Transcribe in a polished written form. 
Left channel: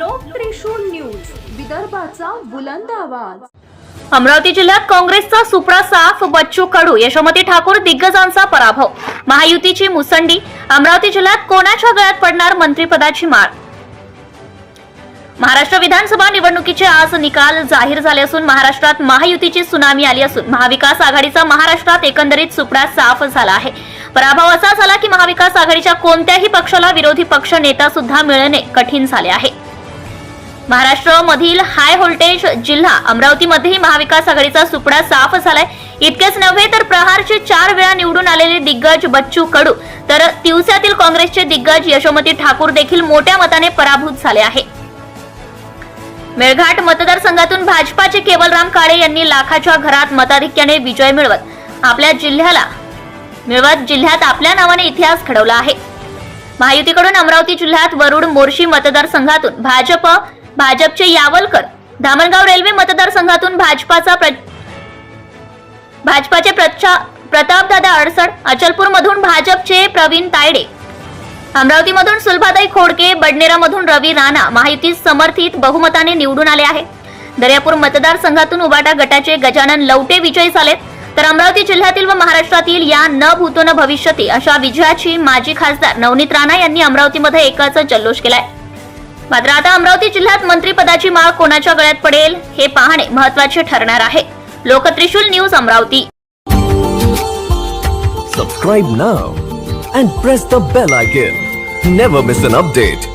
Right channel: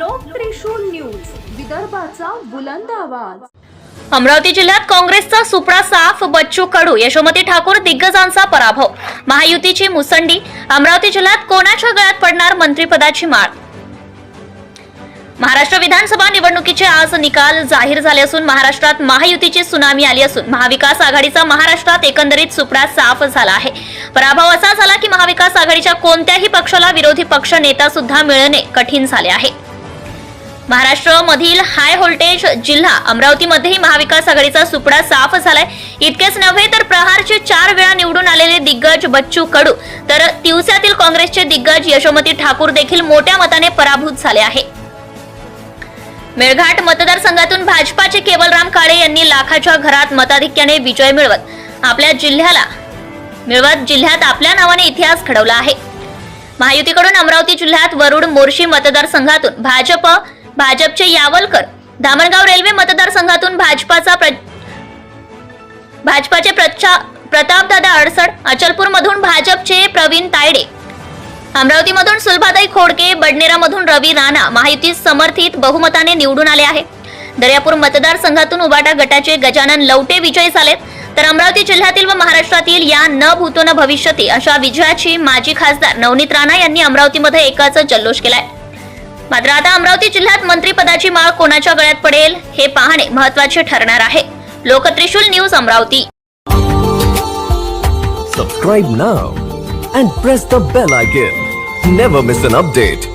लोक त्रिशूल न्यूज, विदर्भाचा बुलंद आवाज। अमरावती जिल्ह्यात काँग्रेसचा सुपडा साफ, बच्चू कडू, यशोमती ठाकूर दिग्गजांचा पराभव, महायुतीची मुसंडी। अमरावती जिल्ह्यात कोणाच्या गळ्यात पडणार मंत्रिपदाची माळ? महाराष्ट्र विधानसभा निवडणुकीचे आज निकाल जाहीर झाले असून महाराष्ट्रात महायुतीची सुनामी आली असून महाविकास आघाडीचा महाराष्ट्रात एकंदरीत सुपडा साफ झाला आहे। पराभव असा झाला की महाविकास आघाडीच्या कोणत्याही पक्षाला विरोधी पक्ष नेता सुद्धा मिळणे कठीण झाले आहे। महाराष्ट्रामधील हाय व्होल्टेज जिल्हा अमरावतीमध्येही महाविकास आघाडीचा सुपडा साफ झालाय। इतकेच नव्हे तर प्रहारचे 4 वेळा निवडून आलेले दिग्गज बच्चू कडू तर तिवसातील काँग्रेसचे दिग्गज यशोमती ठाकूर देखील मोठ्या मताने पराभूत झाले आहे। मेळघाट मतदारसंघातून भाजपाचे केवलराम काळे यांनी लाखाच्या घरात मताधिक्याने विजय मिळवत जिल्ह्यात आपल्या नावाने इतिहास घडवला आहे। महायुतीकडून अमरावती जिल्ह्यात वरुड मोर्शी मतदारसंघातून भाजपचे यावलकर, धामणगाव रेल्वे मतदारसंघातून भाजपाचे प्रतापदादा अडसड, अचलपूर मधून भाजपचे प्रवीण तायडे, अमरावतीमधून सुलभाताई खोडके, बडनेरामधून रवी राणा महायुतीत समर्थित बहुमताने निवडून आले आहे। दर्यापूर मतदारसंघातून उबाटा गटाचे गजानन लवटे विजयी झालेत, तर अमरावती जिल्ह्यातील व महाराष्ट्रातील या न भूतो न भविष्यती अशा विजयाची माजी खासदार नवनीत राणा यांनी अमरावतीमध्ये एकाच जल्लोष केलाय। मात्र आता अमरावती जिल्ह्यात मंत्रिपदाची माळ कोणाच्या गळ्यात पडेल हे पाहणे महत्त्वाचे ठरणार आहे। Loktrishul news Amravati. Subscribe now and press the bell icon. Never miss an update.